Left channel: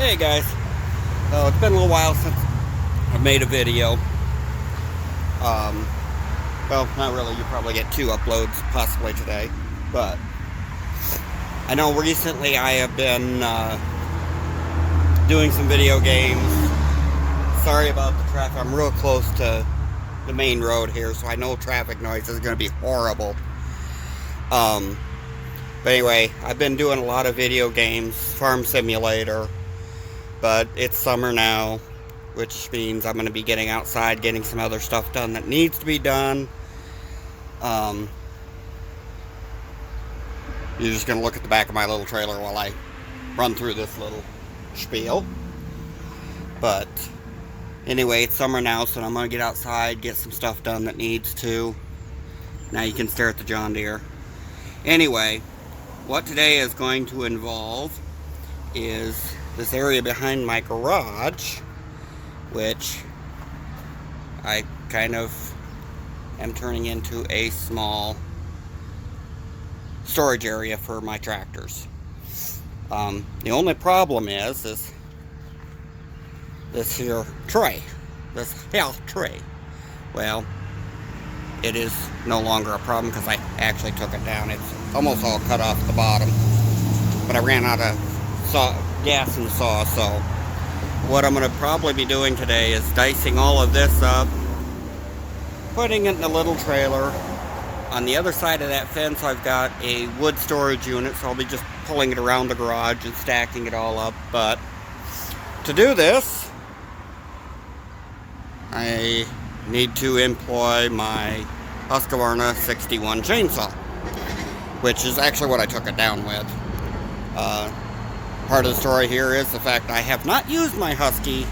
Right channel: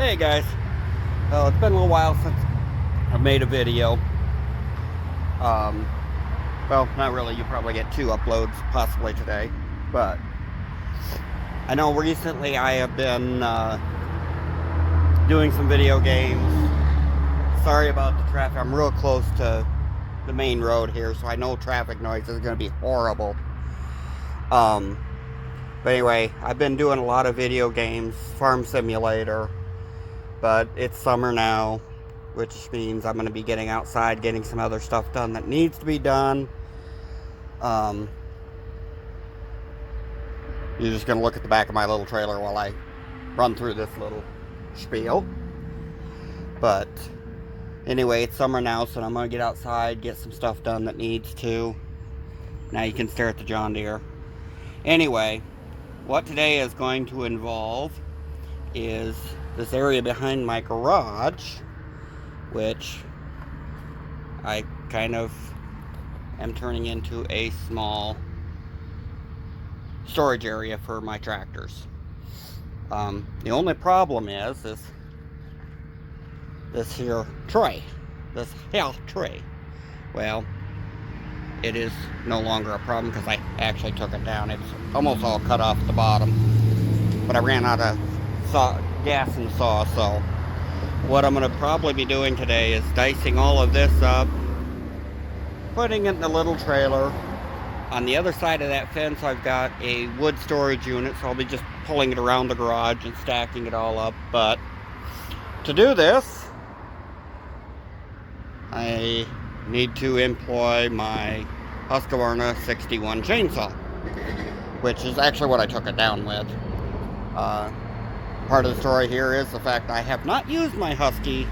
Hey guys, so it's been a little while since I've made a video. Um, well, not really. You probably get 2 uploads possibly today, but I know recently I have been doing some video games. Sorry about the traffic. I'm real close to the main road here, so I know traffic noise is going to be horrible. But anyway, I've been doing a lot of video games, Farm Simulator. But it's summer now, which means I'm going to be getting outside, getting some other stuff done that needs to be done. You're just going to look at the back of my little trailer while I run through this little spiel. But anyway, it's summer now, so I'm going to get outside, get some stuff done that needs to. Now you can stare at the John Deere. Anyway, what today is going to involve is this area behind my garage, which I kind of am turning into a small storage area for my tractors. The only problem is this here tray, this health tray. Well, it is no longer a problem because I actually took it down. It's almost all cut off the bottom, but I ran out of gas in the saw, so what I'm going to probably be doing today is dicing all of this up, putting it in a little trailer. On the other side of that fence I've got a wood storage unit, so I'll be just pulling it around the garage and stacking it all up. But to do this, I need to employ my Husqvarna 61 chainsaw, which is actually what I took it down with. Part of the story here is the fact I have not used my Husky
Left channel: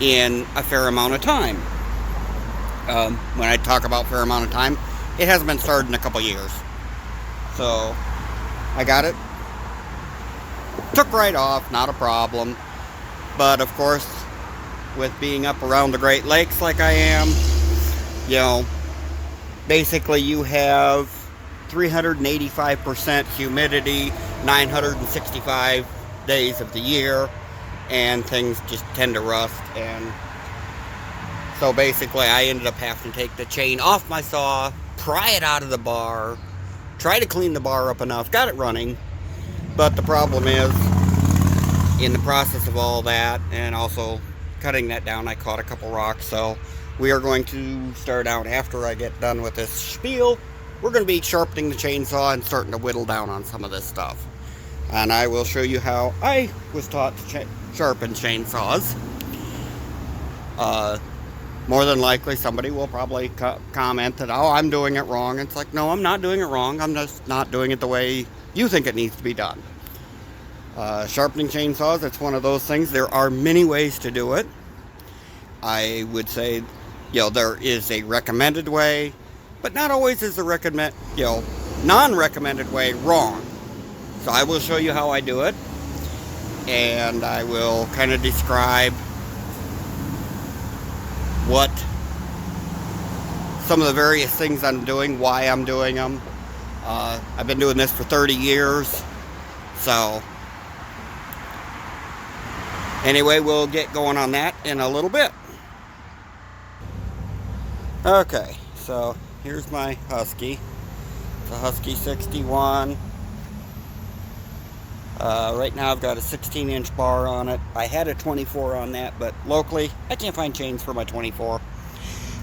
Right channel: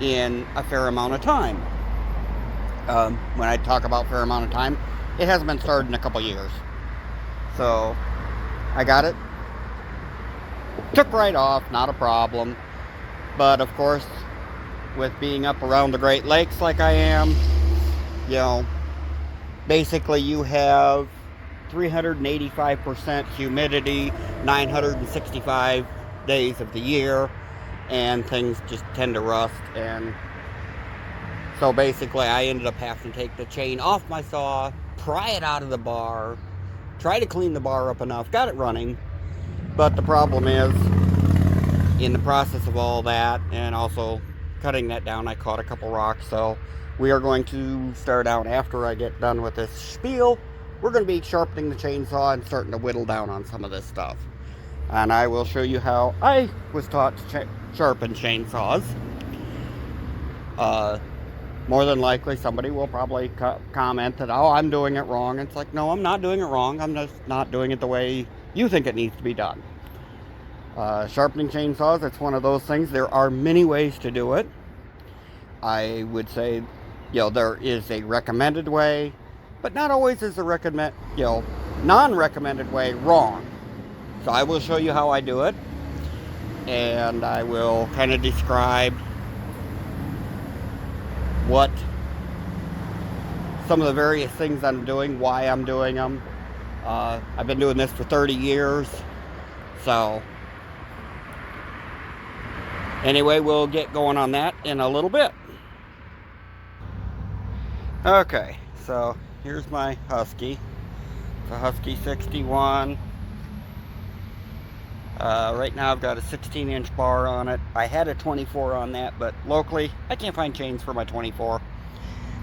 in a fair amount of time. When I talk about fair amount of time, it hasn't been started in a couple years. So I got it, took right off, not a problem. But of course, with being up around the Great Lakes like I am, you know, basically you have 385% humidity, 965 days of the year, and things just tend to rust. And so basically I ended up having to take the chain off my saw, pry it out of the bar, try to clean the bar up enough, got it running. But the problem is, in the process of all that and also cutting that down, I caught a couple rocks. So we are going to start out, after I get done with this spiel, we're going to be sharpening the chainsaw and starting to whittle down on some of this stuff. And I will show you how I was taught to sharpen chainsaws. More than likely somebody will probably comment that, oh, I'm doing it wrong. It's like, no, I'm not doing it wrong. I'm just not doing it the way you think it needs to be done. Sharpening chainsaws, it's one of those things. There are many ways to do it. I would say, there is a recommended way, but not always is the non-recommended way wrong. So I will show you how I do it, and I will kind of describe what some of the various things I'm doing, why I'm doing them. I've been doing this for 30 years, so anyway, we'll get going on that in a little bit. Okay, so here's my Husky. It's a Husky 61. Right now I've got a 16-inch bar on it. I had a 24 on that, but locally I can't find chains for my 24.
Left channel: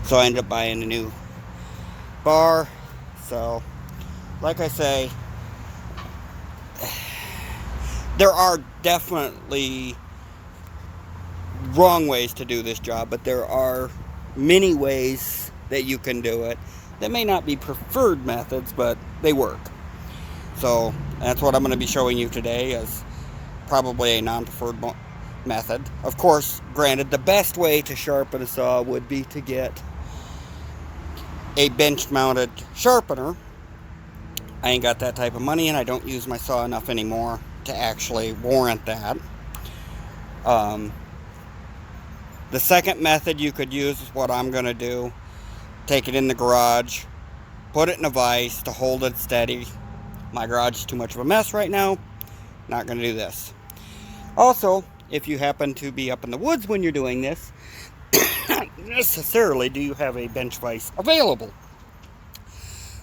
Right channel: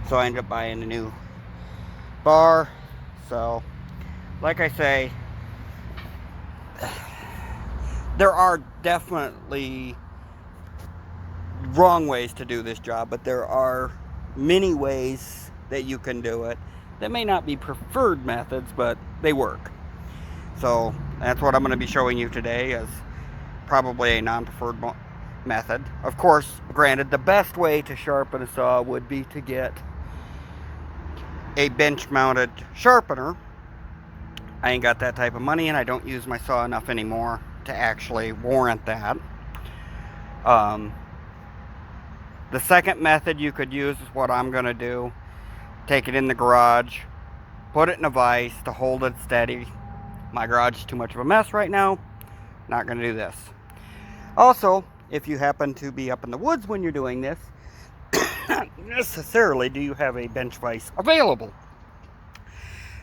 So I ended up buying a new bar. So, like I say, there are definitely wrong ways to do this job, but there are many ways that you can do it that may not be preferred methods, but they work. So that's what I'm going to be showing you today, as probably a non-preferred method. Of course, granted, the best way to sharpen a saw would be to get a bench-mounted sharpener. I ain't got that type of money, and I don't use my saw enough anymore to actually warrant that. The second method you could use is what I'm going to do. Take it in the garage, put it in a vise to hold it steady. My garage is too much of a mess right now. Not going to do this. Also, if you happen to be up in the woods when you're doing this, not necessarily do you have a bench vise available.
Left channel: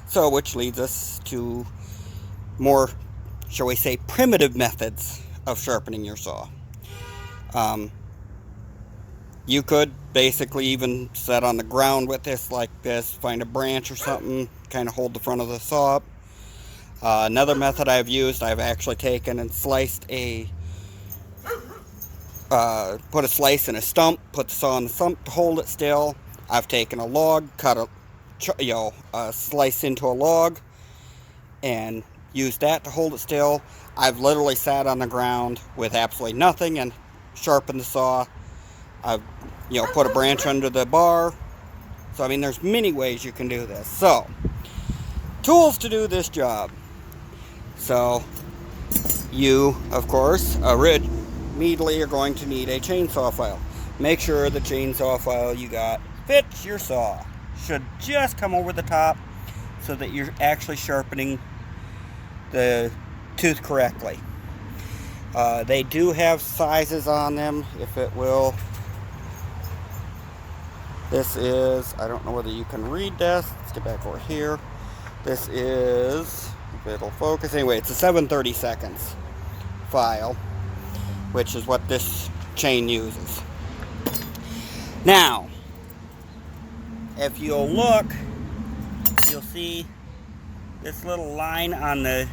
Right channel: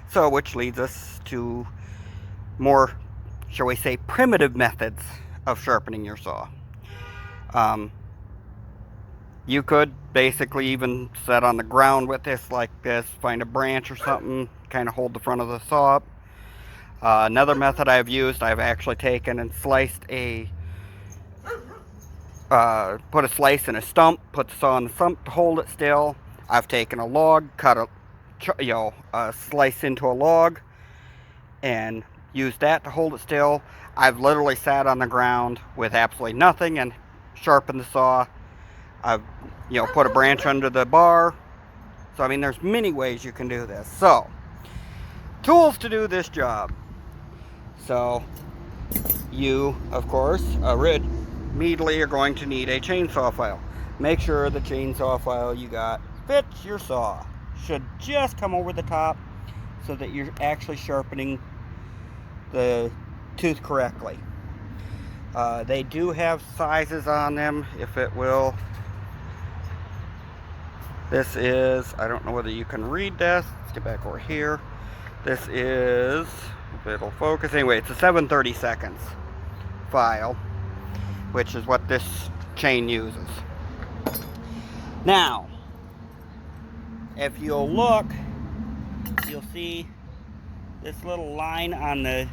So, which leads us to more, shall we say, primitive methods of sharpening your saw. You could basically even set on the ground with this like this, find a branch or something, kind of hold the front of the saw up. Another method I've used, I've actually taken and sliced put a slice in a stump, put the saw on the stump to hold it still. I've taken a log, cut a slice into a log, and used that to hold it still. I've literally sat on the ground with absolutely nothing and sharpened the saw. I've, put a branch under the bar. So, I mean, there's many ways you can do this. So, tools to do this job. So, you, of course, immediately are going to need a chainsaw file. Make sure the chainsaw file you got fits your saw. Should just come over the top so that you're actually sharpening the tooth correctly. They do have sizes on them, if it will. This is, I don't know whether you can read this. Let's get back over here. This is, if it'll focus. Anyway, it's a 7/32 file, which is what this chain uses. Now, if you'll look, you'll see this little line on the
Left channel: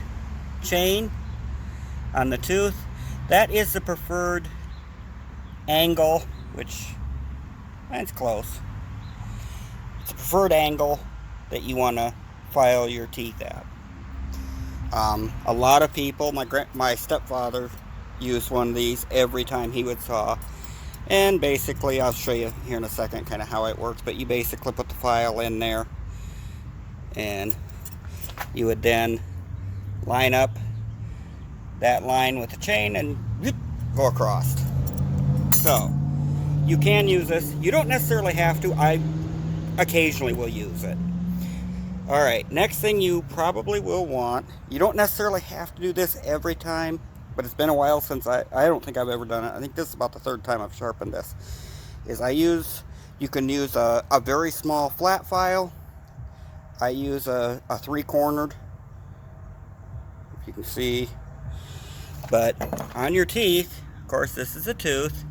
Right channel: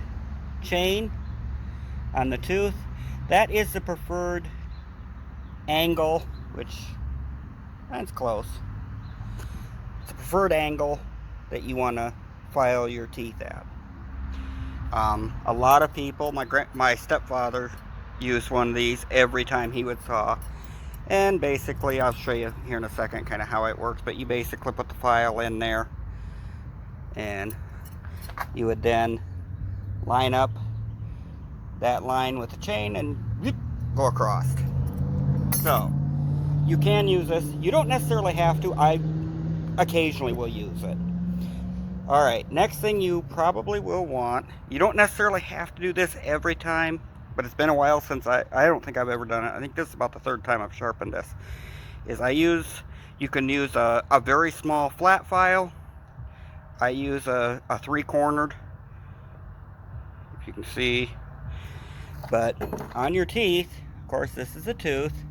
chain, on the tooth. That is the preferred angle, which, it's close. It's the preferred angle that you want to file your teeth at. A lot of people, my stepfather used one of these every time he would saw. And basically, I'll show you here in a second kind of how it works, but you basically put the file in there, and you would then line up that line with the chain and whoop, go across. So, you can use this. You don't necessarily have to. I occasionally will use it. Alright, next thing you probably will want, you don't necessarily have to do this every time, but it's been a while since I don't think I've ever done it. I think this is about the third time I've sharpened this. You can use a very small flat file. I use a 3-cornered, if you can see. But on your teeth, of course this is a tooth.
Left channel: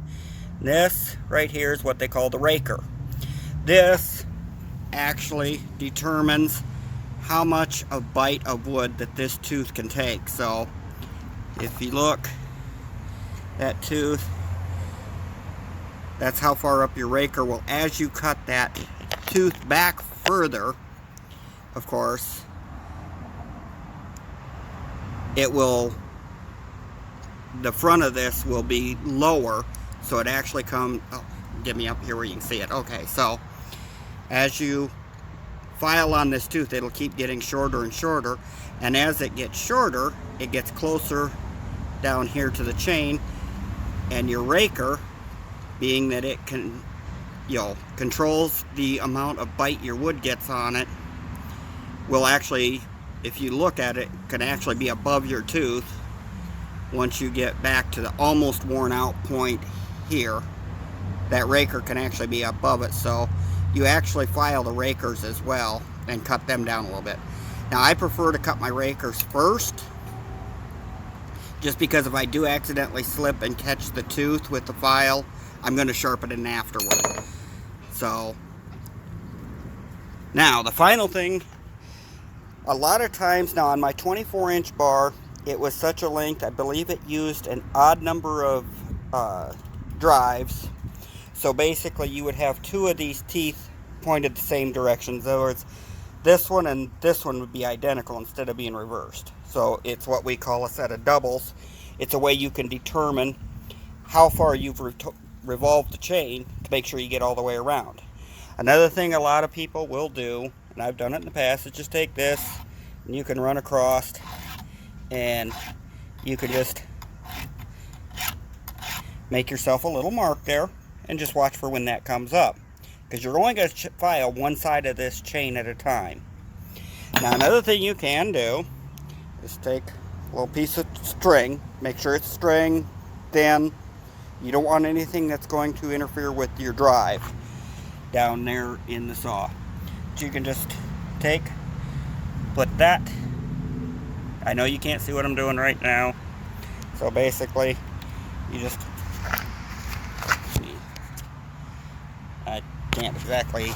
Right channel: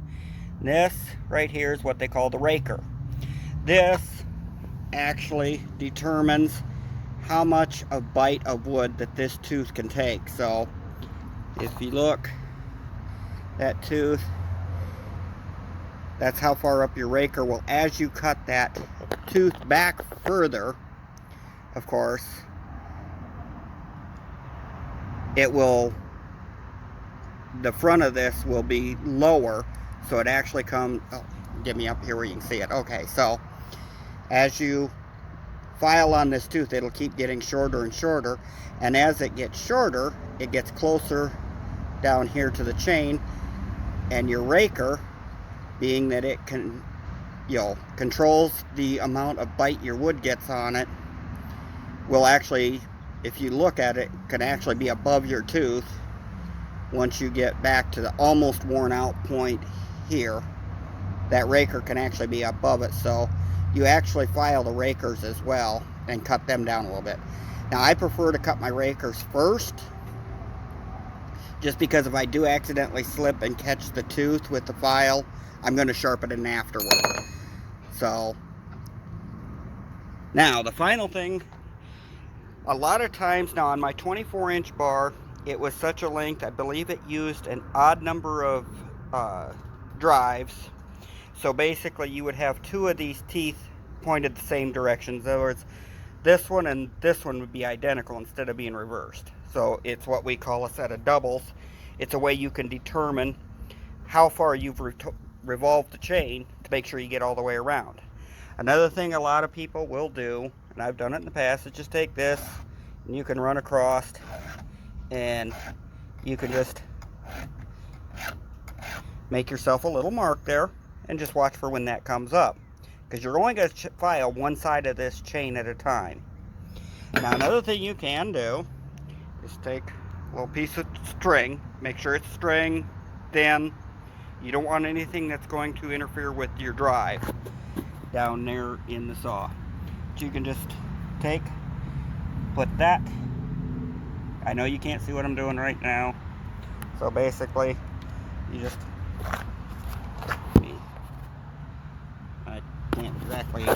This right here is what they call the raker. This actually determines how much a bite of wood that this tooth can take. So if you look, that tooth, that's how far up your raker will. As you cut that tooth back further, of course, the front of this will be lower, so it actually comes, get me up here where you can see it. Okay, so as you file on this tooth, it'll keep getting shorter and shorter, and as it gets shorter, it gets closer down here to the chain, and your raker, being that it can, controls the amount of bite your wood gets on it, will actually, if you look at it, can actually be above your tooth. Once you get back to the almost worn out point here, that raker can actually be above it. So you actually file the rakers as well and cut them down a little bit. Now I prefer to cut my rakers first, just because if I do accidentally slip and catch the tooth with the file, I'm going to sharpen it afterward. So now the final thing, a lot of times now on my 24-inch bar, it was such a length, I believe it used an odd number of drives. So basically you would have 2 of these teeth pointed the same direction. In other words, this one and this one would be identical instead of being reversed. So it's what we call a set of doubles. It's a way you can determine how far you've revolved the chain to make sure you get all the way around. Another thing a lot of people will do, and I've done it in the past, is just take this and you can run across, and you can just make yourself a little mark there and just watch for when that comes up, because you're only going to file one side of this chain at a time. Now another thing you can do is take a little piece of string, make sure it's string, then you don't want anything that's going to interfere with your drive down there in the saw. So you can just put that. I know you can't see what I'm doing right now. So basically, you just, I can't exactly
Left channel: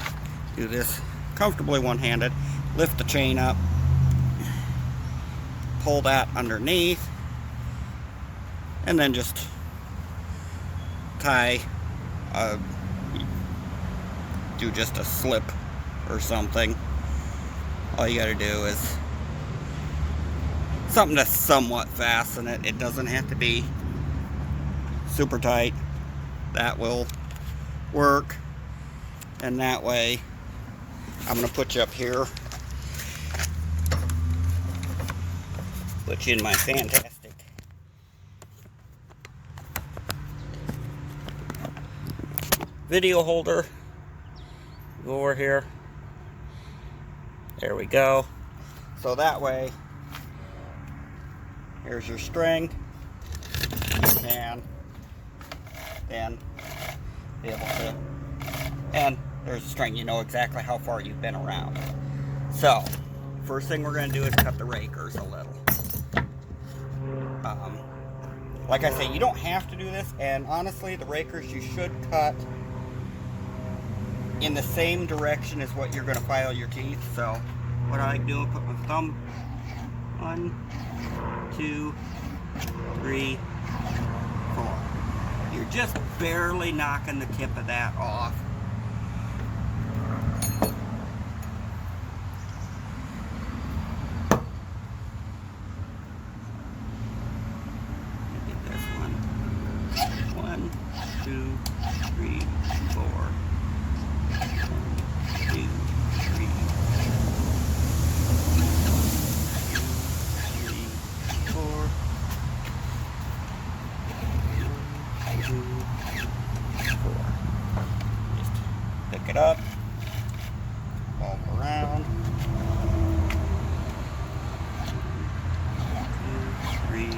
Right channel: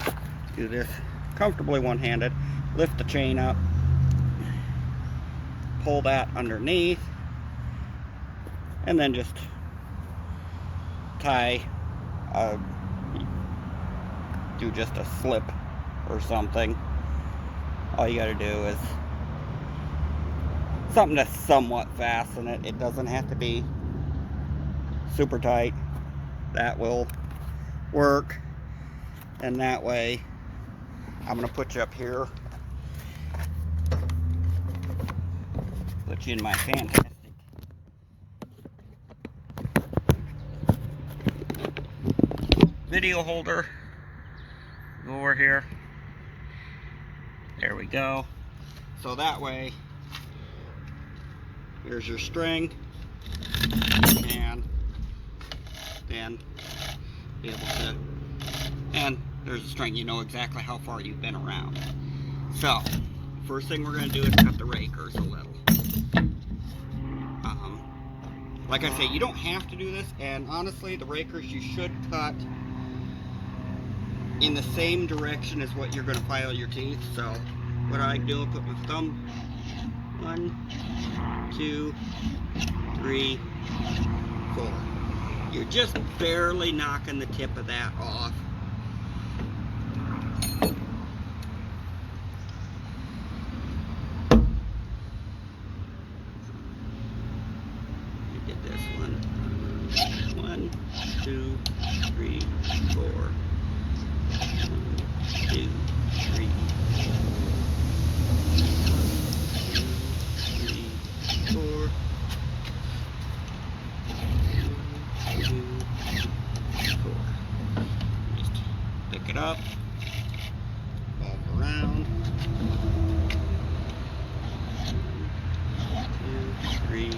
do this comfortably one-handed. Lift the chain up, pull that underneath, and then just tie, do just a slip or something. All you gotta do is something to somewhat fasten it. It doesn't have to be super tight. That will work. And that way, I'm gonna put you up here. Put you in my fantastic video holder. Go over here. There we go. So that way, here's your string. You can then be able to, and there's a string. You know exactly how far you've been around. So, first thing we're going to do is cut the rakers a little. Like I say, you don't have to do this, and honestly, the rakers you should cut in the same direction as what you're going to file your teeth. So, what I do is put my thumb, 1, 2, 3, 4. You're just barely knocking the tip of that off. Get this one. 1, 2, 3, 4. 1, 2, 3. 4. 2, 4. Just pick it up, roll around. 2, 3.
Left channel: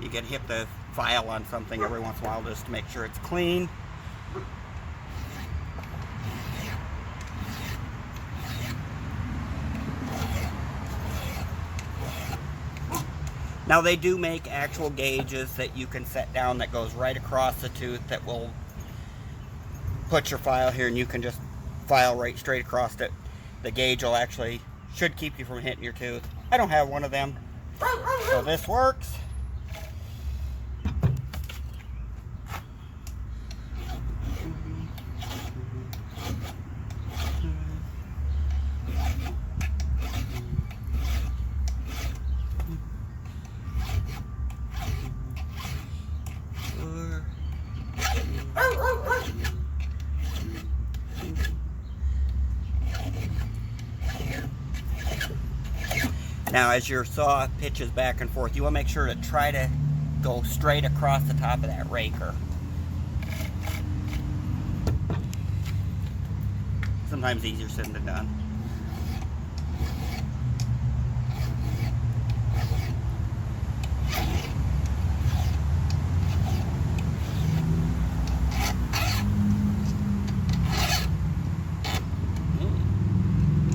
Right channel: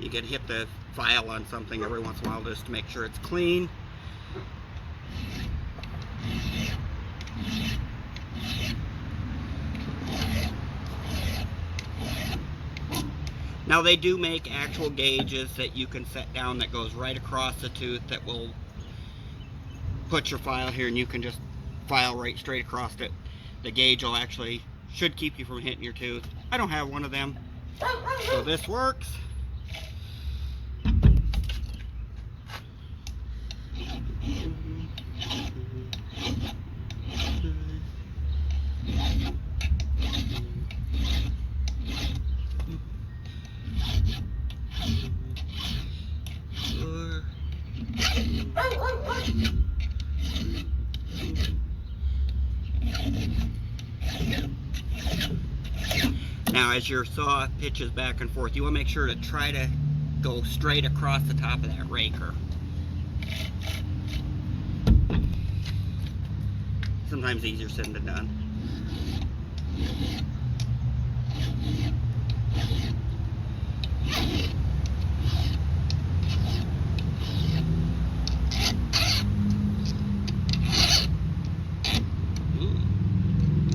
You can hit the file on something every once in a while just to make sure it's clean. Now they do make actual gauges that you can set down that goes right across the tooth that will put your file here, and you can just file right straight across it. The gauge will actually, should keep you from hitting your tooth. I don't have one of them, so this works. Now, as your saw pitches back and forth, you want to make sure to try to go straight across the top of that raker. Sometimes easier said than done.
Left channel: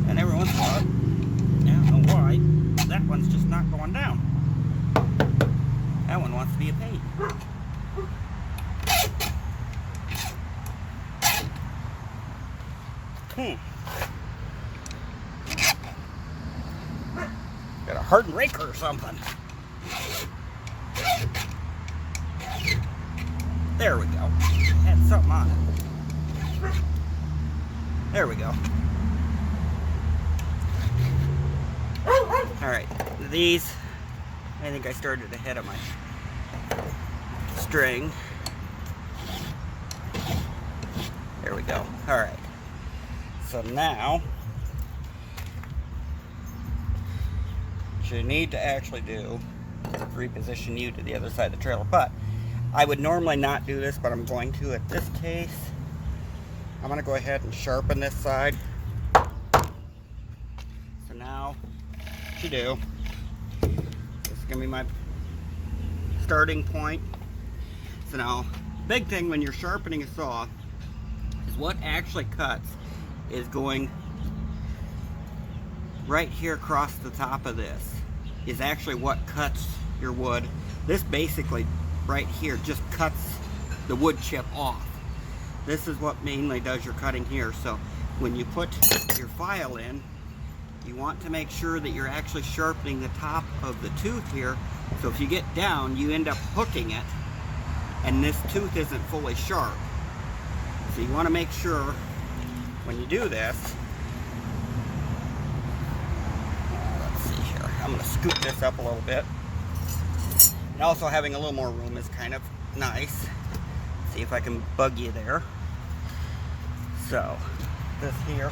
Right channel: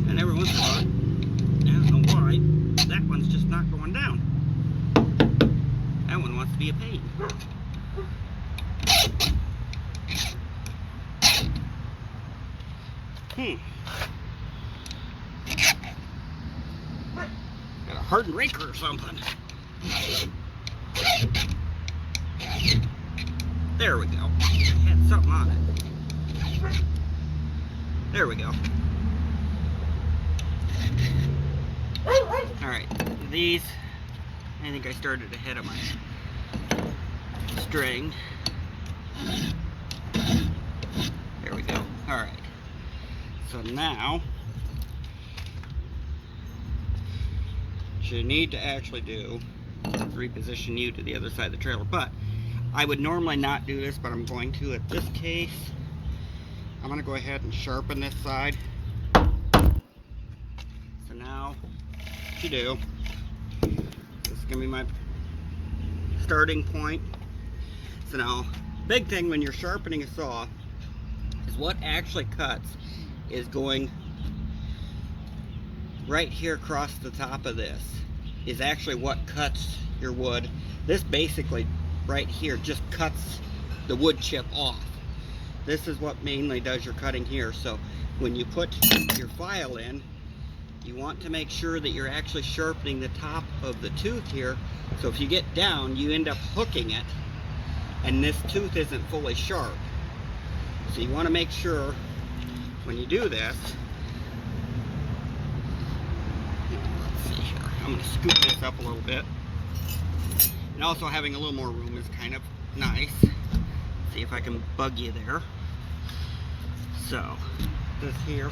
And every once in a while, I don't know why, that one's just not going down. That one wants to be a pain. Got a hardened raker or something. There we go. Had something on it. There we go. Alright, these, I think I started ahead of my string. There we go. Alright. So now, what you need to actually do is reposition you to the other side of the trailer. But I would normally not do this, but I'm going to at this case. I'm going to go ahead and sharpen this side. So now, what you do, this is going to be my starting point. So now, big thing when you're sharpening a saw is what actually cuts is going right here across the top of this is actually what cuts your wood. This basically right here just cuts the wood chip off. This is what mainly does your cutting here. So when you put your file in, you want to make sure that you're actually sharpening the top of the tooth here. So if you get down, you end up hooking it, and this tooth isn't fully sharp. So you want to make sure when you do this, let's see here, I'm going to scoop this up a little bit. And also having a little more room is kind of nice. See if I can bug you there. So, this here,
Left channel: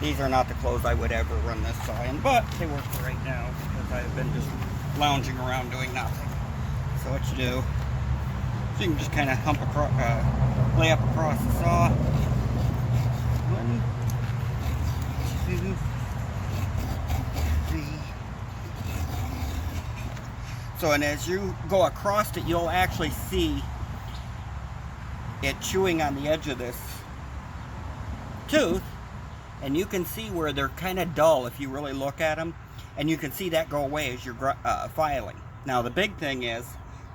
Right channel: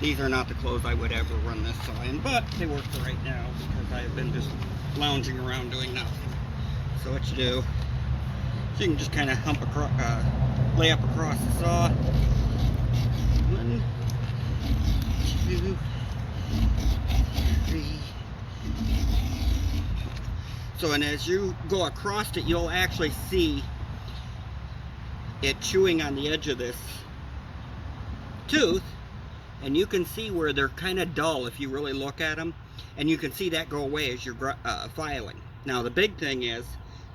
these are not the clothes I would ever run this saw in, but they work for right now because I've been just lounging around doing nothing. So what you do, so you can just kind of hump across, lay up across the saw. 1, 2, 3. So, and as you go across it, you'll actually see it chewing on the edge of this tooth, and you can see where they're kind of dull if you really look at them, and you can see that go away as you're filing. Now the big thing is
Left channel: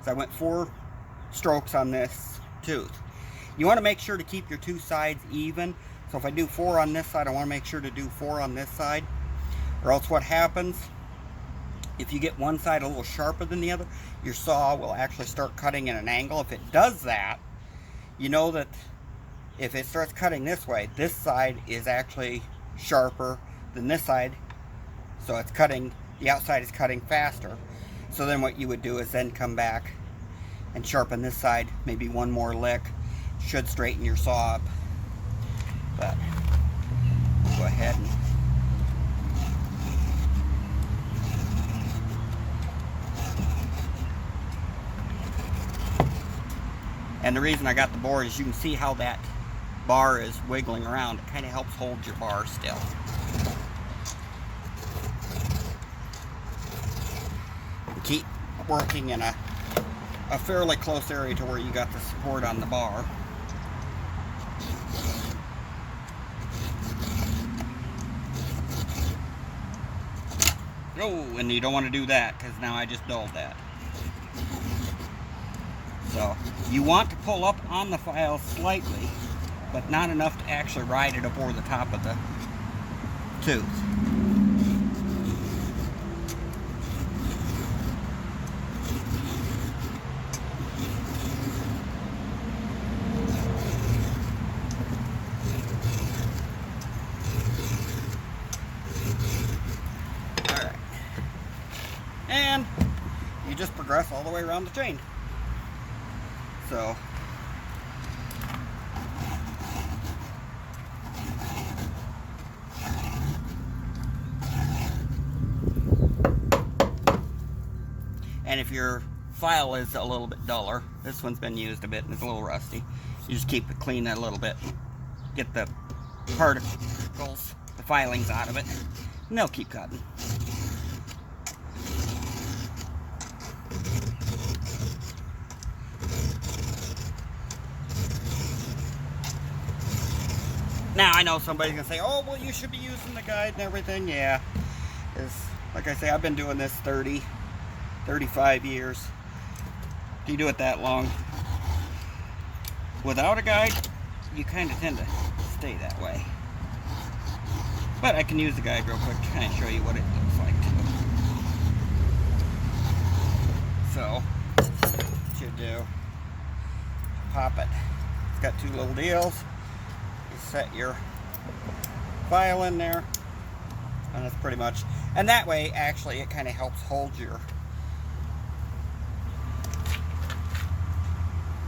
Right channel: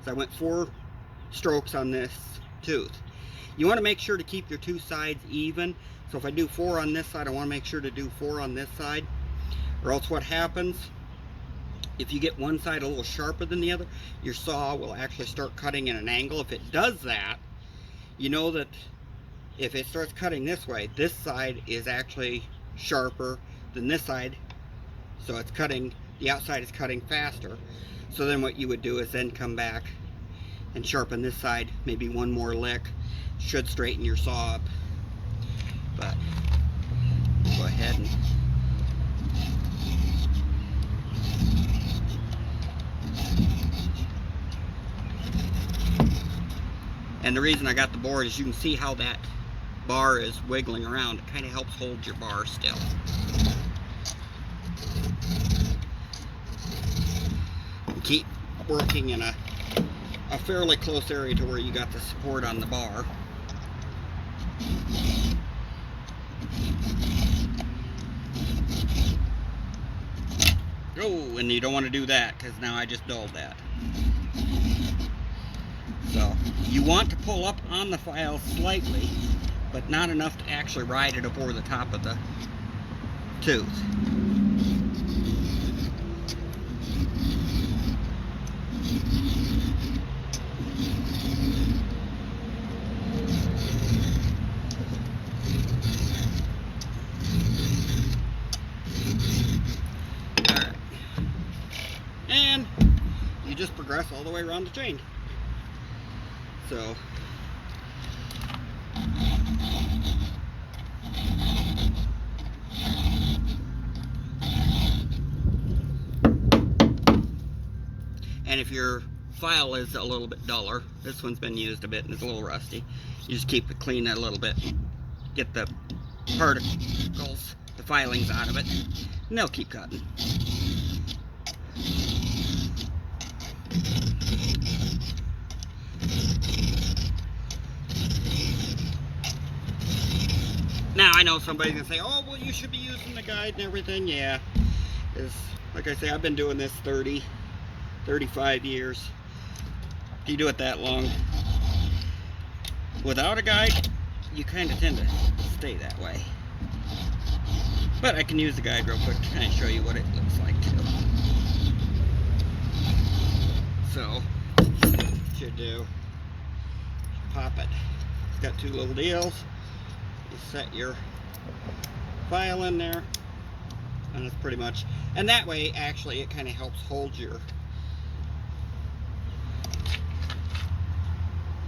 I went 4 strokes on this tooth. You want to make sure to keep your 2 sides even. So if I do 4 on this side, I want to make sure to do 4 on this side, or else what happens, if you get one side a little sharper than the other, your saw will actually start cutting at an angle. If it does that, you know that if it starts cutting this way, this side is actually sharper than this side, so it's cutting, the outside is cutting faster. So then what you would do is then come back and sharpen this side, maybe one more lick, should straighten your saw up. But go ahead and the reason I got the board is you can see how that bar is wiggling around. It kind of helps hold your bar still. And keep working in a fairly close area to where you got the support on the bar. Oh, and you don't want to do that because now I just dulled that. So you want to pull up on the file slightly, but not enough to actually ride it up over the top of the tooth. Alright. And you just progress all the way around the chain. So and if your file is a little bit duller, this one's been used a bit and it's a little rusty, you just keep it clean a little bit, get the particles, the filings out of it, and they'll keep cutting. Now, I know somebody's going to say, oh, well, you should be using the guide and everything. Yeah, like I say, I've been doing this 35 years. If you do it that long, without a guide, you kind of tend to stay that way. But I can use the guide real quick to kind of show you what it looks like, too. So, what you do, pop it. It's got 2 little deals. Set your file in there, and that's pretty much, and that way actually it kind of helps hold your,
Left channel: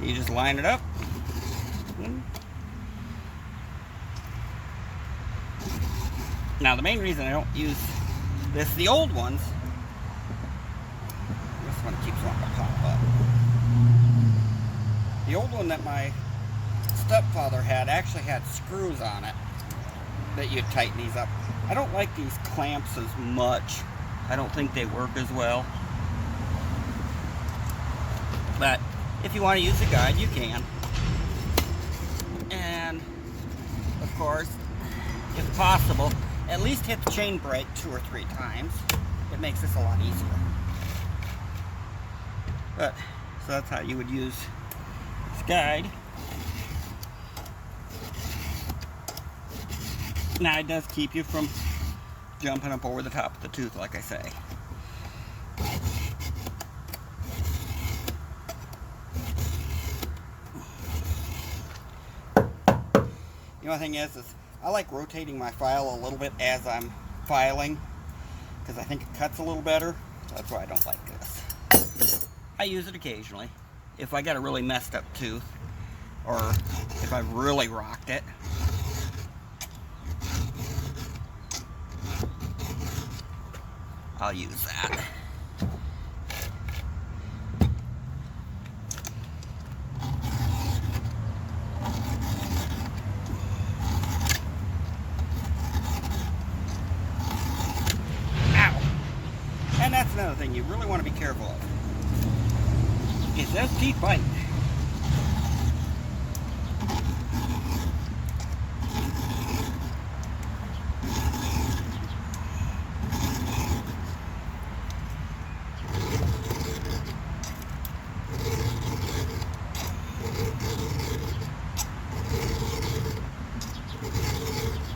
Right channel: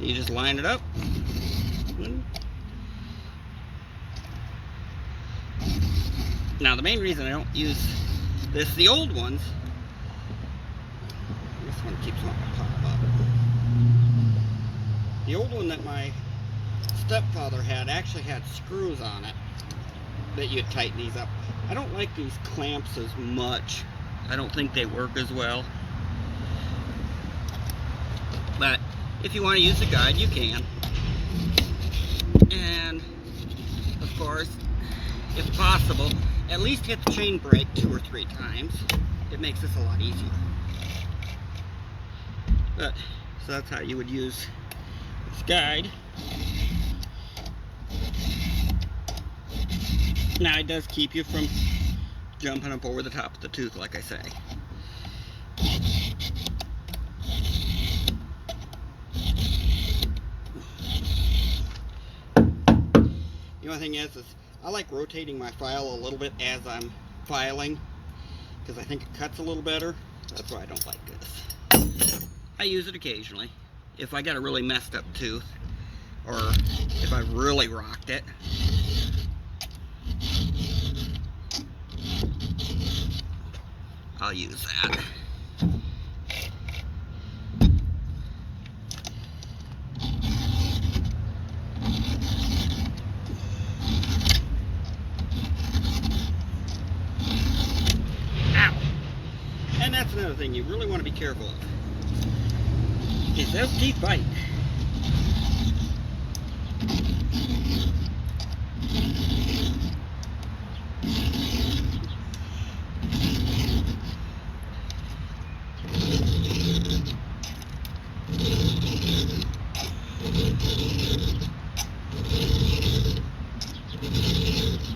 you just line it up. Now the main reason I don't use this, the old ones, this one keeps wanting to pop up. The old one that my stepfather had actually had screws on it that you'd tighten these up. I don't like these clamps as much. I don't think they work as well. But if you want to use a guide, you can. And of course, if possible, at least hit the chain brake 2 or 3 times. It makes this a lot easier. But so that's how you would use this guide. Now it does keep you from jumping up over the top of the tooth, like I say. The only thing is I like rotating my file a little bit as I'm filing, because I think it cuts a little better. That's why I don't like this. I use it occasionally if I got a really messed up tooth, or if I really rocked it. I'll use that. Ow! And that's another thing you really want to be careful of, is those teeth bite.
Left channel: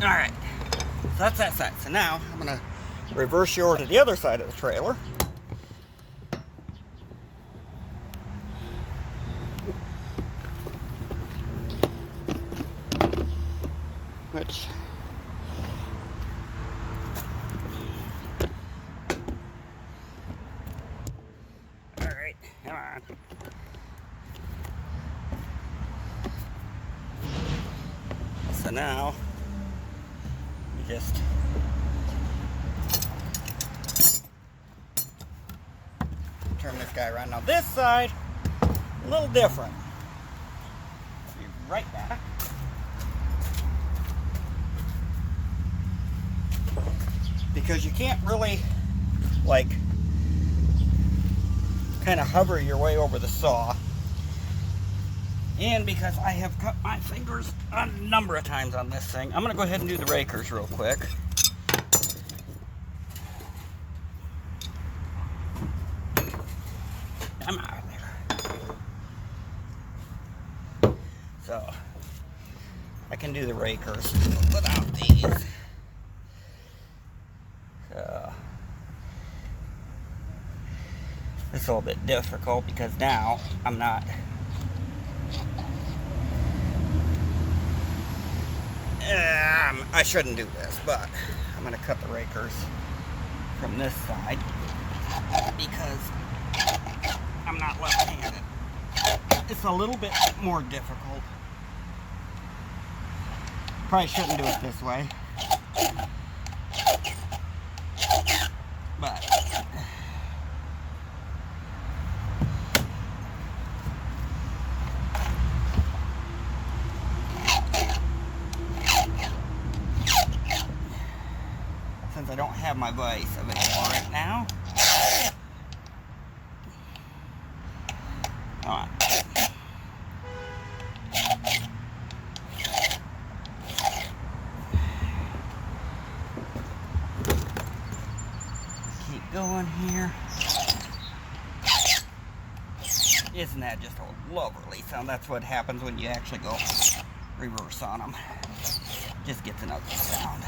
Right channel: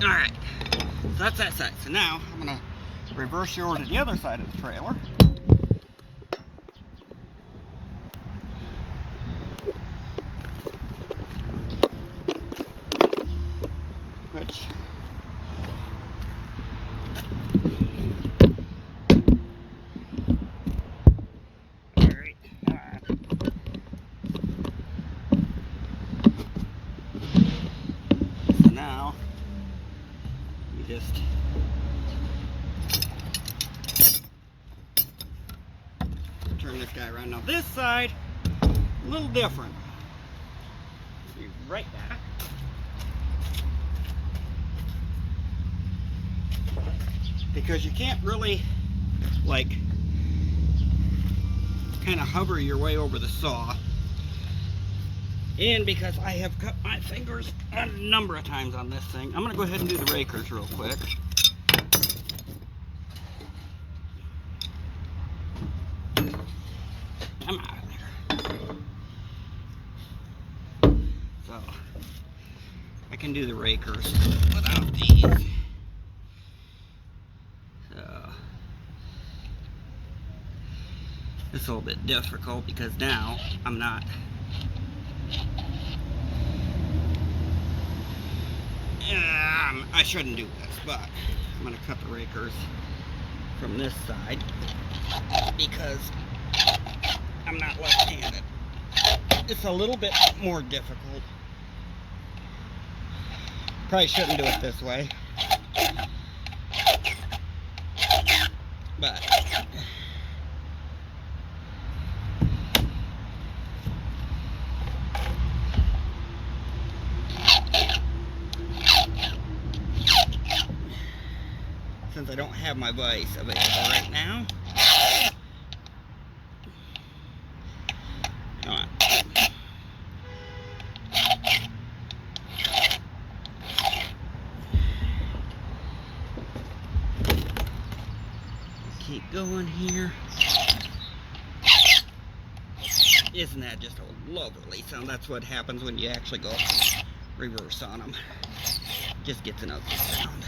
Alright, so that's that side. So now I'm going to reverse you over to the other side of the trailer. Which alright, come on. So now you just turn this guy around. Now this side, a little different. Be right back. Because you can't really, like, kind of hover your way over the saw. And because I have cut my fingers a number of times on this thing, I'm going to go ahead and do the rakers real quick. I'm out of there. So, I can do the rakers without these. So, it's a little bit difficult because now I'm not I shouldn't do this, but I'm going to cut the rakers from this side because I'm not left-handed. It's a little bit more difficult. Probably shouldn't do it this way. But since I don't have my vise available right now, come on. Keep going here. Isn't that just a lovely sound? That's what happens when you actually go reverse on them. Just gets another sound.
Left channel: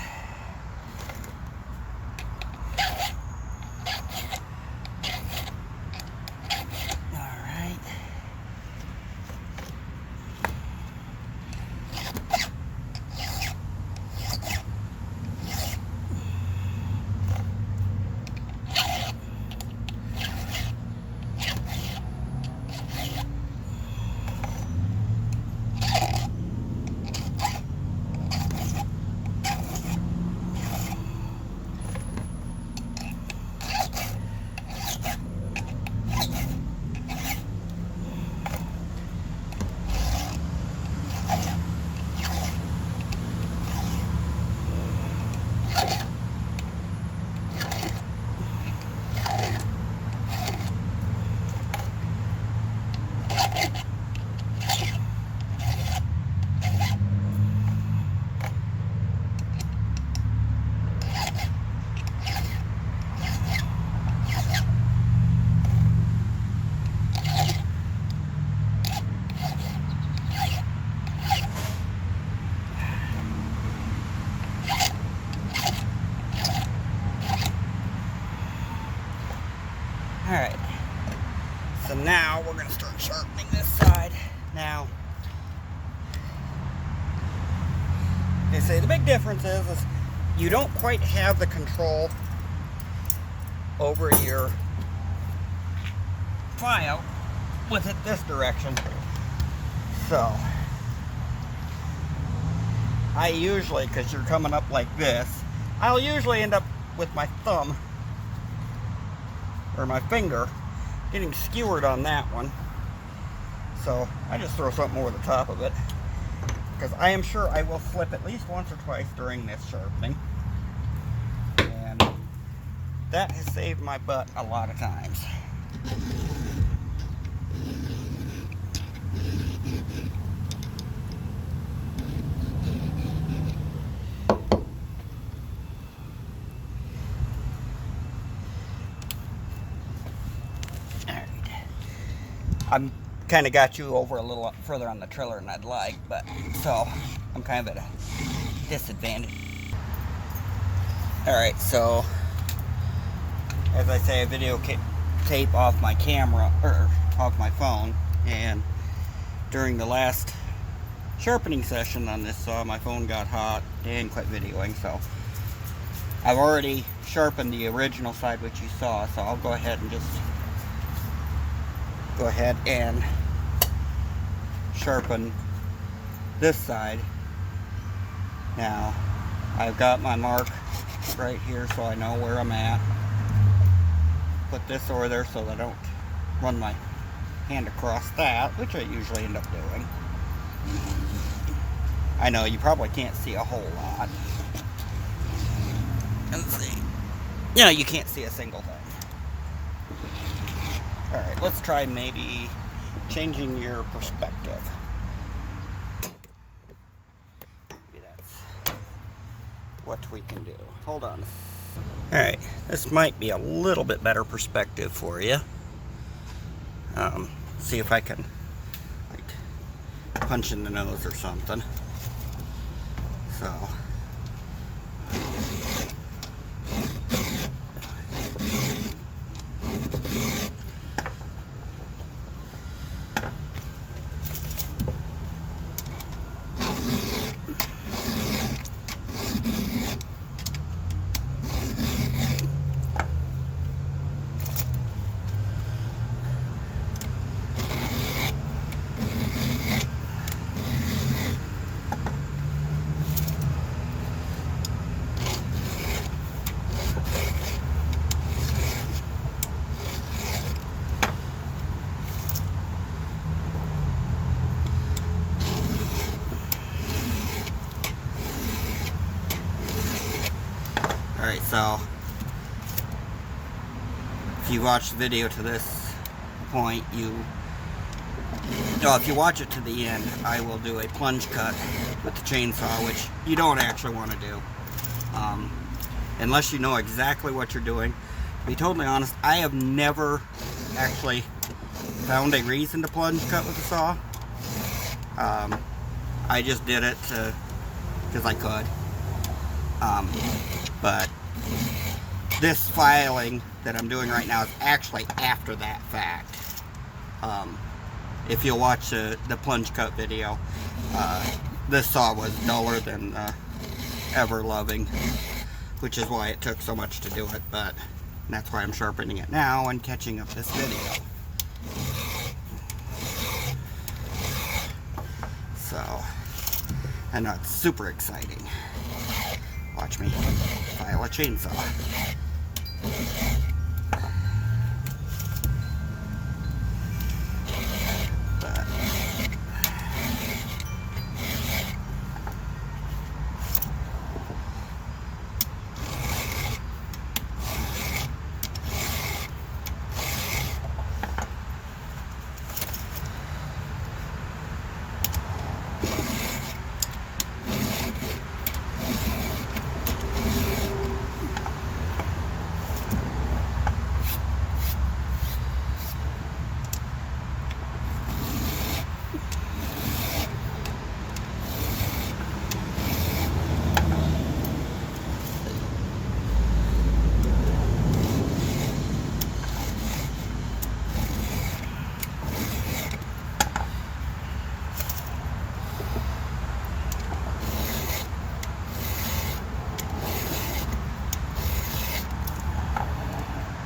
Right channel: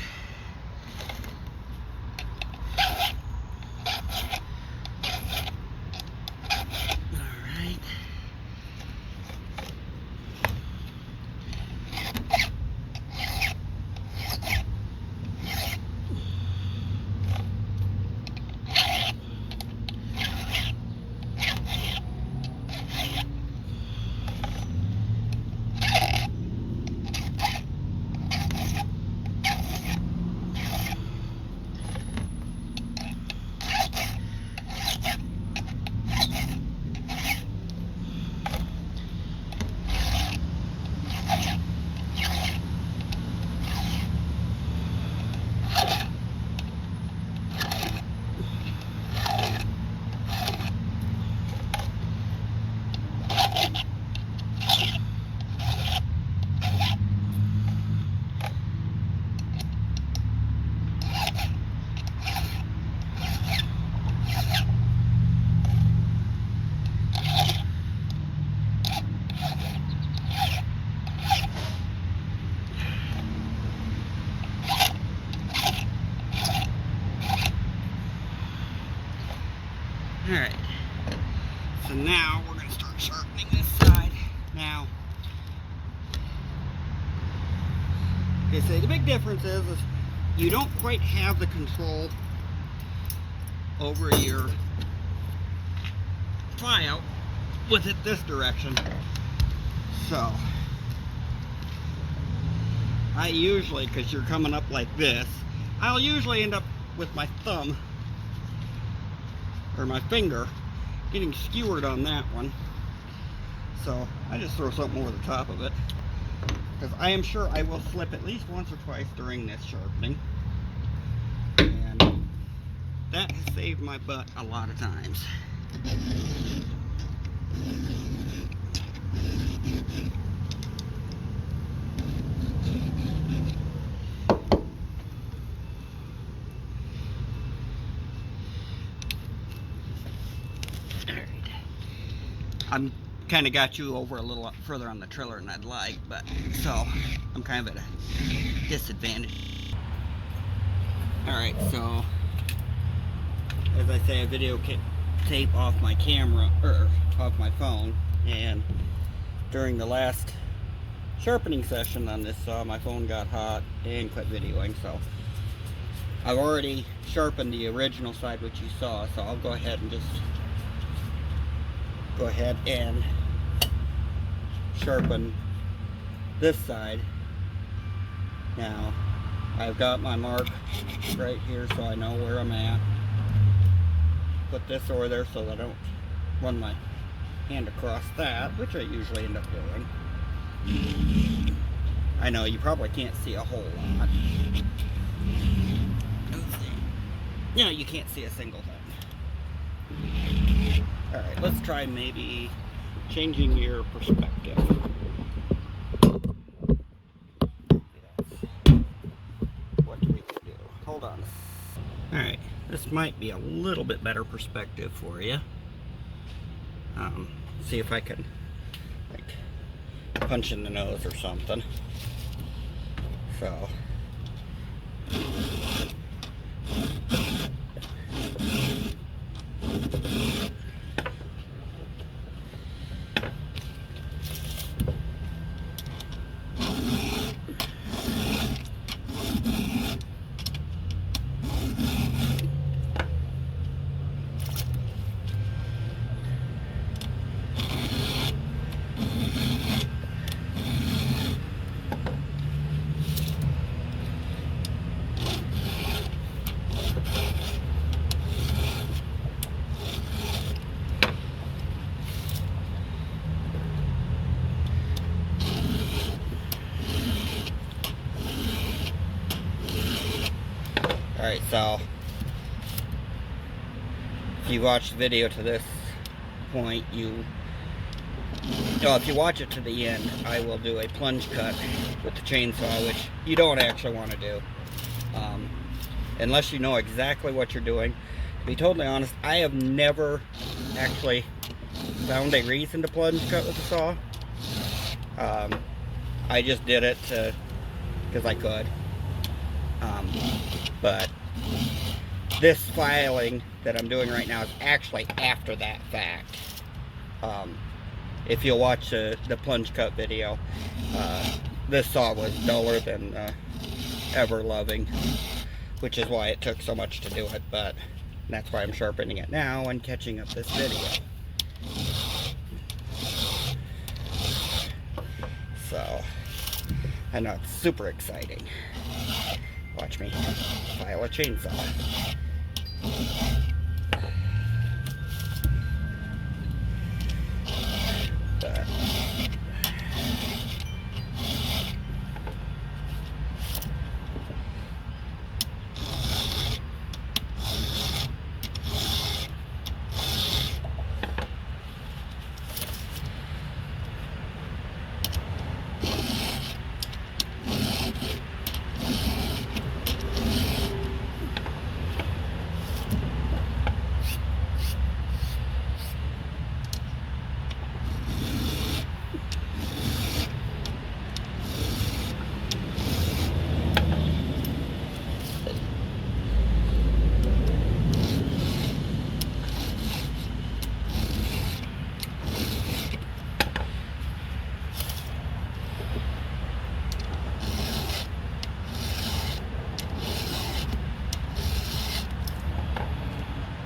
difference is you don't quite have the control over your file with it this direction. So I usually, because you're coming up like this, I'll usually end up with my thumb or my finger getting skewered on that one. So I just throw something over the top of it, because I am sure I will slip at least once or twice during this sharpening. And that has saved my butt a lot of times. I'm kind of got you over a little further on the trailer than I'd like, but so I'm kind of at a disadvantage. Alright, so as I say, I videotape off my camera, or off my phone, and during the last sharpening session on this saw, my phone got hot and quit videoing, so I've already sharpened the original side which you saw, so I'll go ahead and just sharpen this side. Now I've got my mark right here so I know where I'm at. Put this over there so that I don't run my hand across that, which I usually end up doing. I know you probably can't see a whole lot. Let's see. Yeah, you can't see a single thing. Alright, let's try maybe changing your perspective. Maybe that's what we can do. Hold on. Alright, this might be a little bit better perspective for you. See if I can, like, punch in the nose or something. So. Alright, so if you watch the video to this point, if you watch it to the end, I will do a plunge cut with the chainsaw, which you don't actually want to do unless you know exactly what you're doing. To be totally honest, I have never actually found a reason to plunge cut with a saw. I just did it because I could. But this filing that I'm doing right now is actually after that fact. If you'll watch the plunge cut video, this saw was duller than ever loving, which is why it took so much to do it, but that's why I'm sharpening it now and catching up this video. So, I know it's super exciting. Watch me file a chainsaw.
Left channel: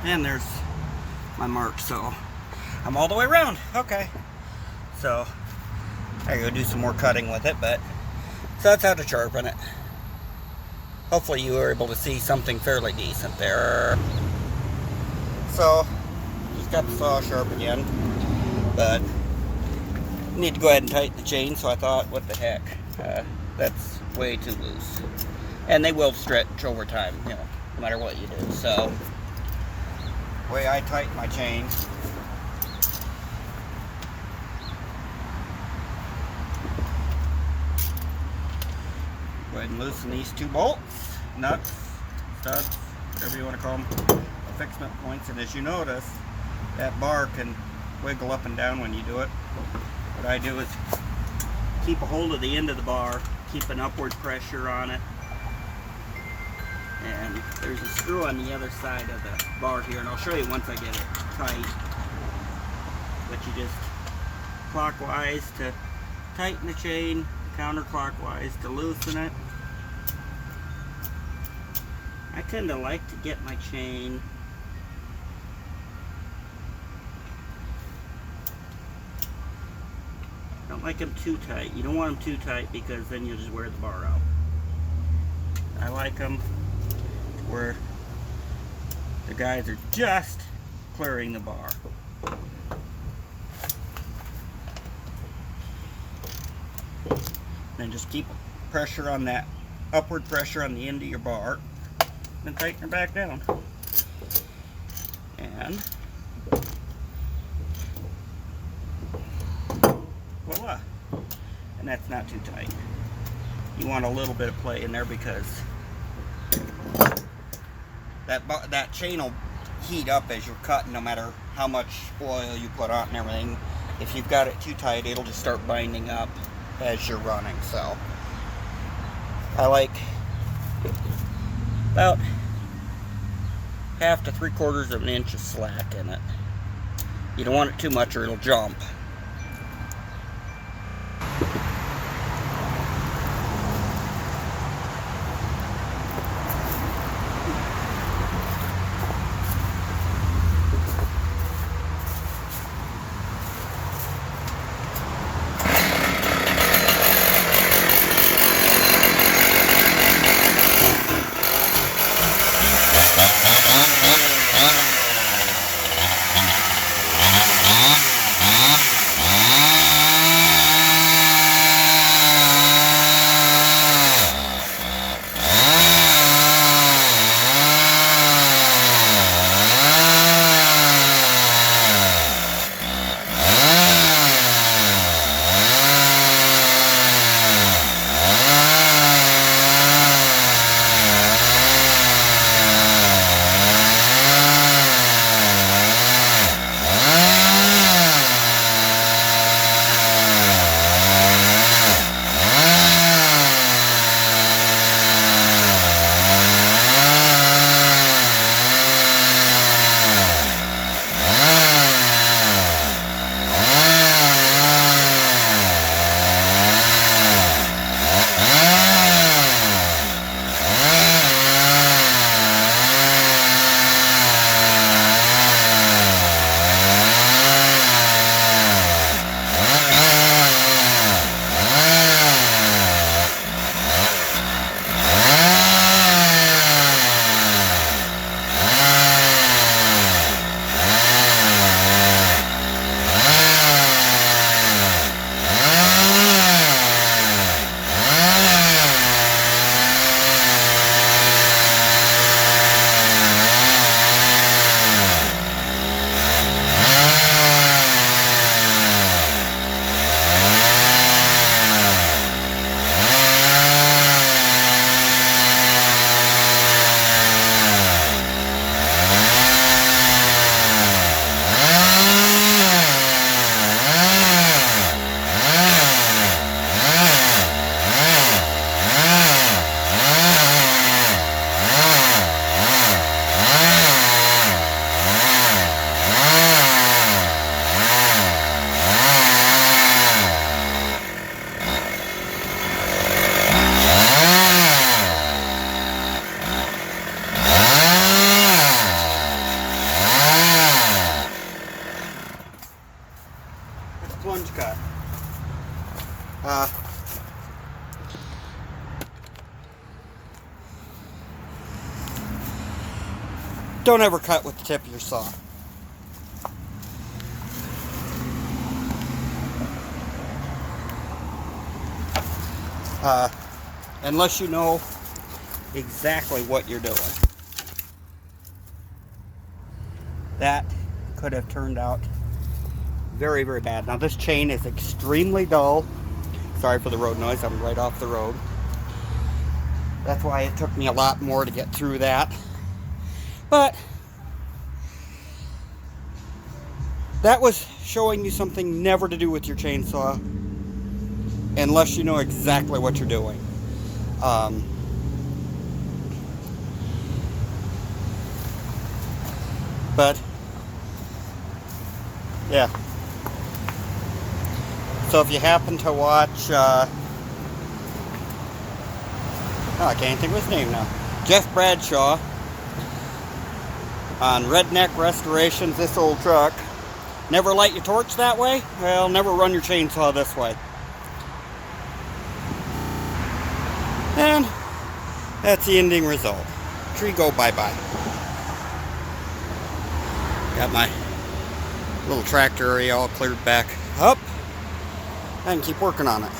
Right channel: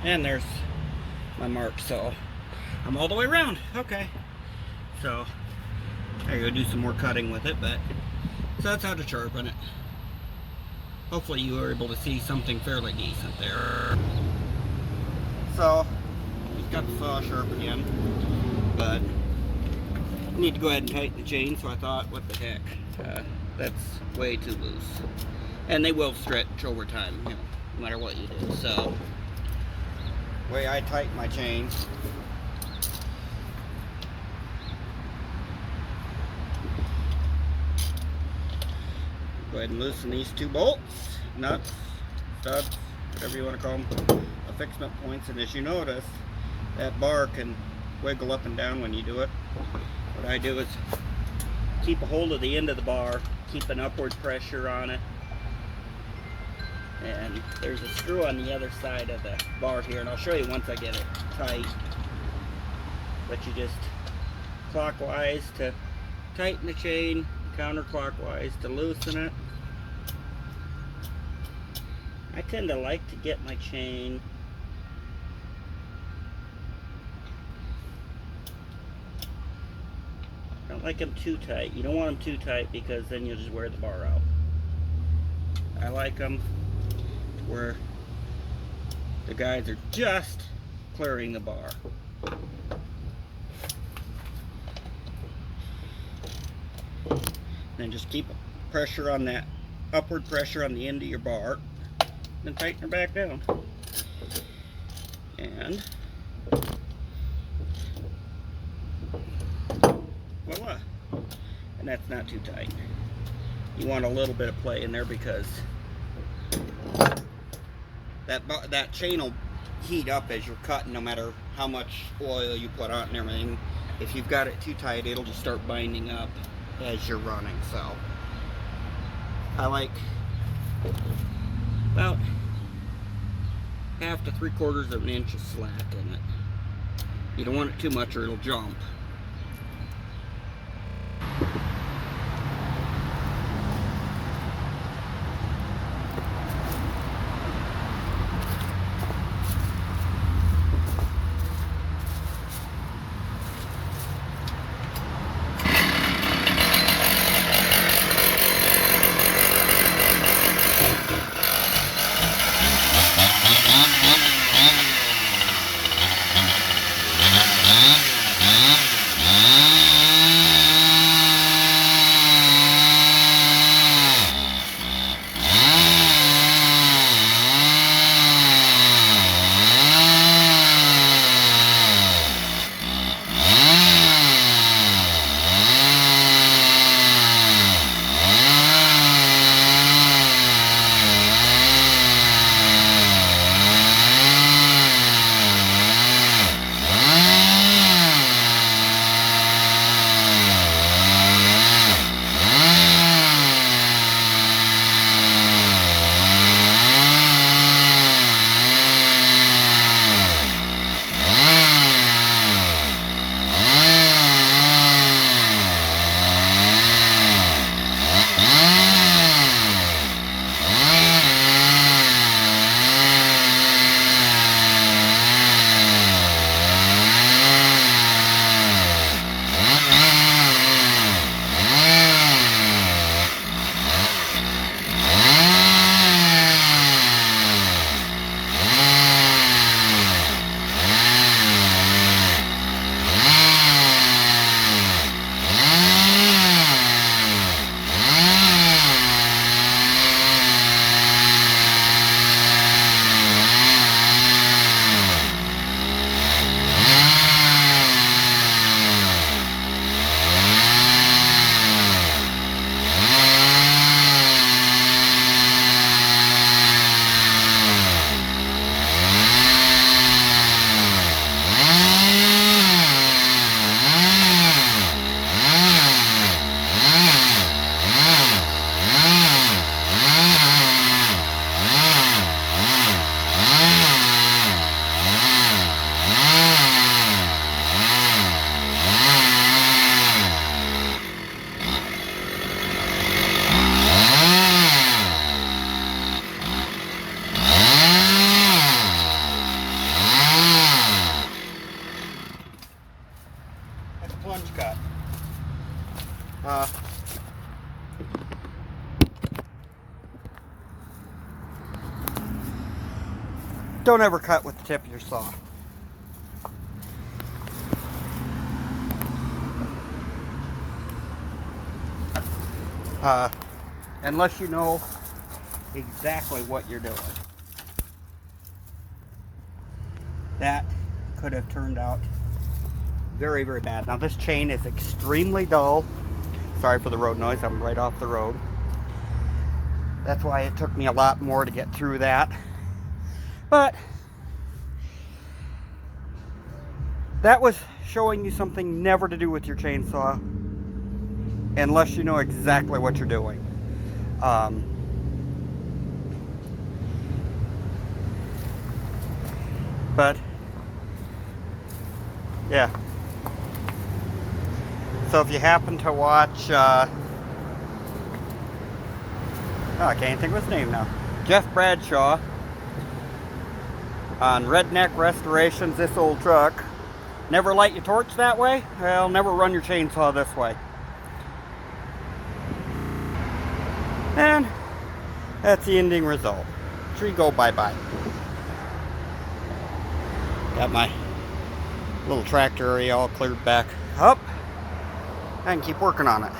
And there's my mark, so I'm all the way around. Okay. So I gotta do some more cutting with it, but so that's how to sharpen it. Hopefully you were able to see something fairly decent there. So just got the saw sharp again, but need to go ahead and tighten the chain, so I thought, what the heck, that's way too loose. And they will stretch over time, you know, no matter what you do. So the way I tighten my chain, go ahead and loosen these two bolts, nuts, studs, whatever you want to call them, the fixment points. And as you notice, that bar can wiggle up and down when you do it. What I do is keep a hold of the end of the bar, keep an upward pressure on it. And there's a screw on the other side of the bar here, and I'll show you once I get it tight. But you just clockwise to tighten the chain, counterclockwise to loosen it. I tend to like to get my chain don't like them too tight. You don't want them too tight because then you'll just wear the bar out. I like them where the guys are just clearing the bar. And just keep pressure on that, upward pressure on the end of your bar, and tighten it back down. And voila. And that's not too tight. You want a little bit of play in there because that chain will heat up as you're cutting, no matter how much oil you put on and everything. If you've got it too tight, it'll just start binding up as you're running. So I like about 1/2 to 3/4 of an inch of slack in it. You don't want it too much or it'll jump. don't ever cut with the tip of your saw. Unless you know exactly what you're doing. That could have turned out very, very bad. Now this chain is extremely dull. Sorry for the road noise, I'm right off the road. That's why it took me a lot more to get through that. But that was showing you something never to do with your chainsaw unless you know exactly what you're doing. But yeah. So if you happen to watch, I can't think of his name now. Jeff Bradshaw on Redneck Restorations, this old truck. Never light your torch that way? Well, never run your chainsaw this way. And that's the ending result. Tree go bye-bye. Got my little tractor area all cleared back up. I can keep working on it.